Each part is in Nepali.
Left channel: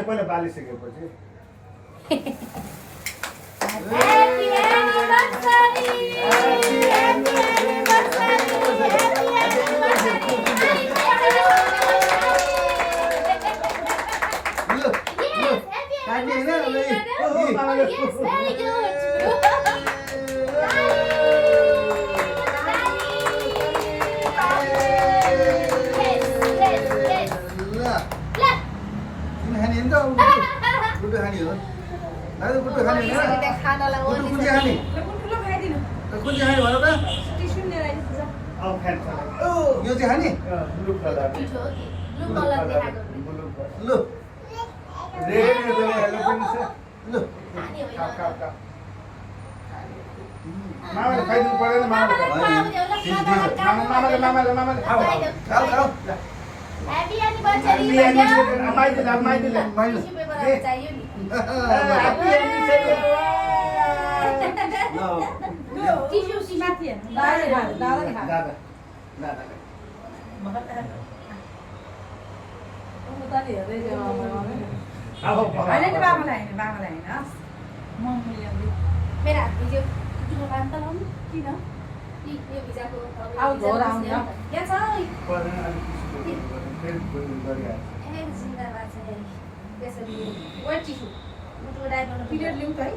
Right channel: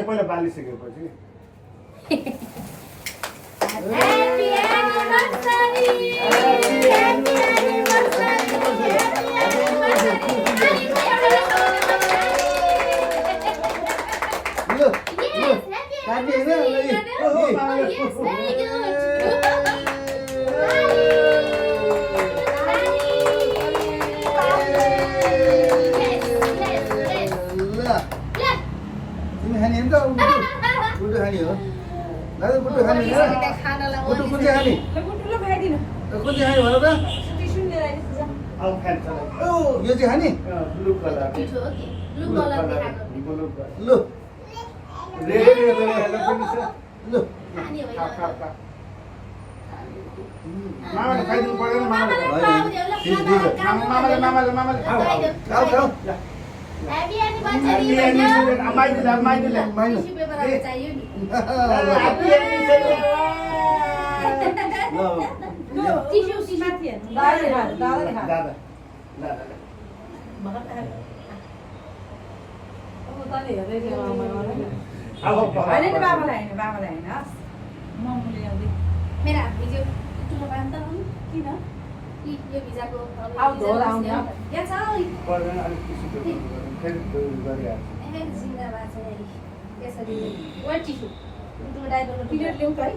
पहिला बालिसकेपछि Happy anniversary! Happy Yes, very good. Guddu खाने हो दाजु गुड्डु खाने हो गुड्डु कुन चाहिँ खाने कुन चाहिँ खाने भन त अब खान्छ यो चाहिँ खाने ब्लु कलर लु रेड पनि छ लु मामाले खाइदिनु पर्दैन मामाले खाऊ खाऊ Happy anniversary, madam. माइल चाहियो नि टिस्यु माथि दादा मेरा भिडियो अन्त किन यो भिजाको यहाँ छ जिन्दाबाद छ त्यसरी वर्ड टिस्यु मुटुको डाइभरमा पिरियड ल्याउँ त है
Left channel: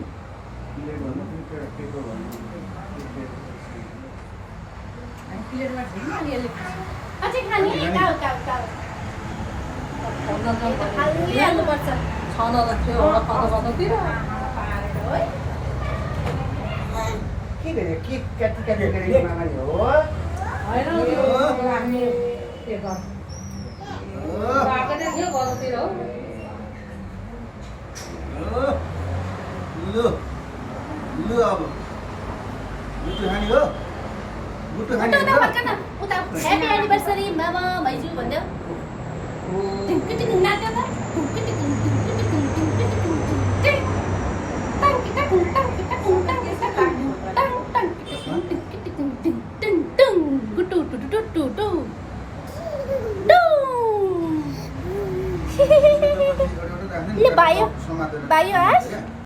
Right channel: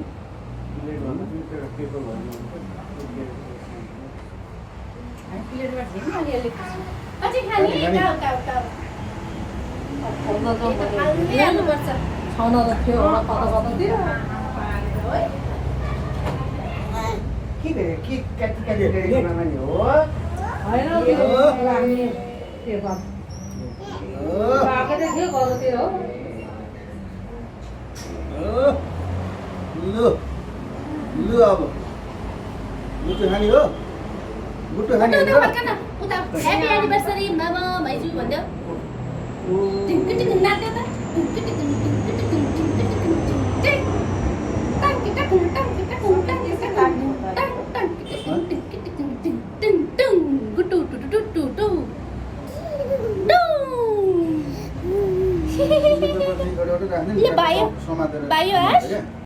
पिरियडमा झिम अलिअलि अझै खाने काउ खाल्ने हाल्नुपर्छ के गरे के काटी गरे मामाले हो लु अब गुड्डु खाने हो गुड्डु खाने हो उता ह्यापी एनिभर्सरी मामा भाइजू भन्दै नाच्यो त ले भयो आज